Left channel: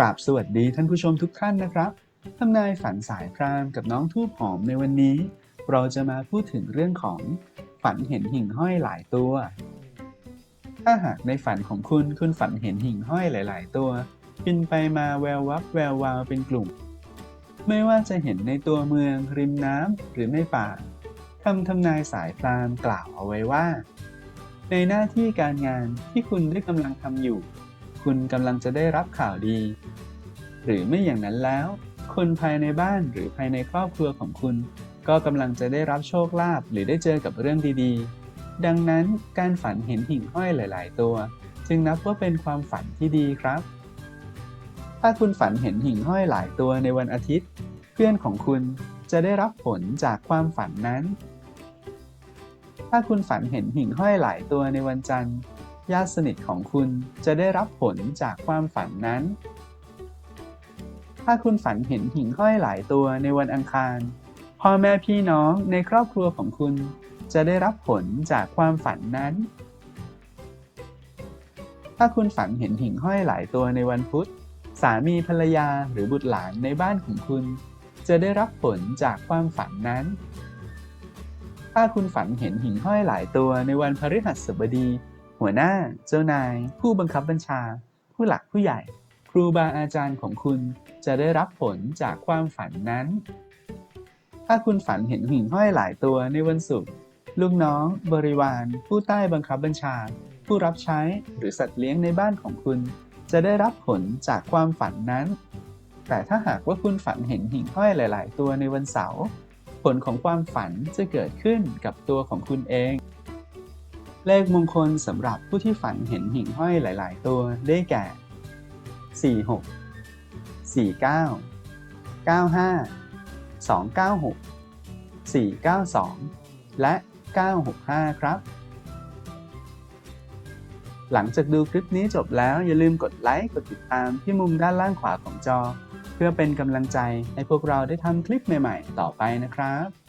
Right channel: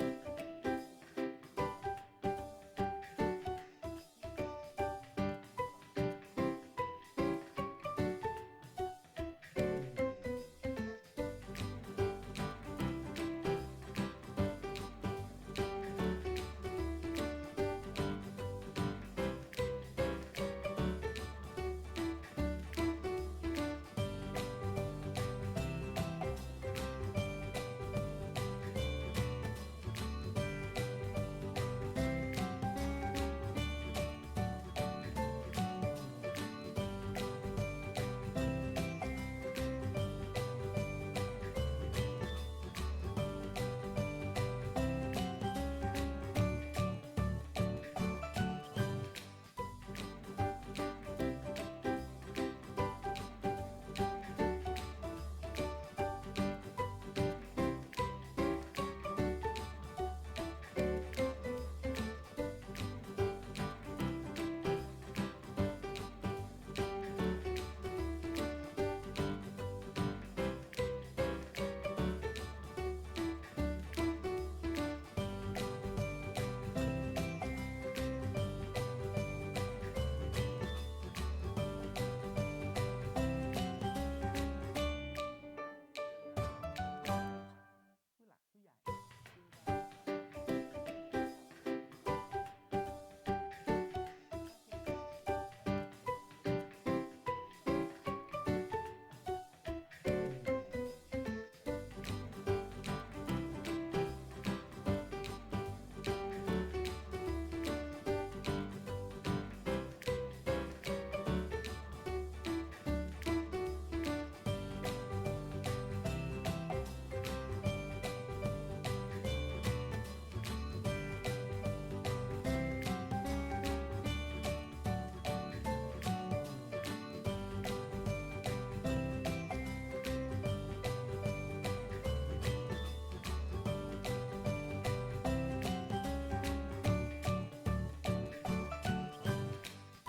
ราบสวัสดีท่านผู้ชมทุกท่านนะครับทำนายฝันสายพรามกับน้องทูบหอมในวันนี้ เราจะมาพูดถึงเรื่องของฝันเห็นหิ่งห้อยหลายตัว ถ้าหากในฝันของคุณคุณฝันเห็นหิ่งห้อยหลาย ๆ ตัวบินไปมาแวววับแวววาวเป็นกลุ่ม ไม่ว่าจะเห็นในตัวเมืองริมน้ำหรือในป่าคำทำนายสายพรามกล่าวเอาไว้ว่า ในหน้าที่การงานที่คุณได้กำลังทำอยู่ คุณกำลังจะได้รับข่าวดี หรือไม่อย่างนั้นแล้ว คนภายในบ้านหรือภายในครอบครัวของคุณ ก็กำลังจะได้รับโชคลาภหรือได้เจอกับเรื่องดีๆ ดังนั้นการฝันเห็นหิ่งห้อยหลาย ๆ ตัว จึงนับว่าเป็นความฝันที่ดีครับ ถ้าคุณฝันเห็นหิ่งห้อยหลายตัวในวันอาทิตย์ เพื่อนของคุณจะได้รับผลจากความฝันนั้น ถ้าคุณฝันเห็นหิ่งห้อยหลายตัวในวันจันทร์ ญาติสนิทของคุณจะได้รับผลจากความฝันนั้น ถ้าคุณฝันเห็นหิ่งห้อยหลายตัวในวันอังคาร พ่อแม่พี่น้องในครอบครัวของคุณ จะได้รับผลจากความฝันนั้น ถ้าคุณฝันเห็นหิ่งห้อยหลายตัวในวันพุธ สามีภรรยาหรือบุตรหลานในบ้านของคุณ จะได้รับผลจากความฝันนั้น ถ้าคุณฝันเห็นหิ่งห้อยหลายตัวในวันพฤหัสบดี หัวหน้า เจ้านาย ผู้บังคับบัญชา ผู้หลักผู้ใหญ่ ครูบาอาจารย์ของคุณจะได้รับผลจากความฝันนั้น ถ้าคุณฝันเห็นหิ่งห้อยหลายตัวในวันศุกร์ลูกน้อง บริวาร ผู้ใต้บังคับบัญชา ผู้รับใช้หรือสัตว์เลี้ยงในบ้านของคุณ จะได้รับผลจากความฝันนั้น แต่ถ้าหากว่าคุณฝันเห็นหิ่งห้อยหลาย ๆ ตัวในวันเสาร์ ผลของความฝันจะเกิดขึ้นกับตัวของคุณเอง เลขมงคลสำหรับผู้ที่ฝันเห็นหิ่งห้อยหลาย ๆ ตัวได้แก่ 46 49 95 296 492 และ 965 ครับ หลังจากดูคลิปนี้จบแล้วอย่าลืมกดไลค์ กดติดตามที่มุมด้านล่างขวาของจอ พื่อเป็นกำลังใจให้พวกเราได้ทำคลิปใหม่ ๆ ต่อไปนะครับ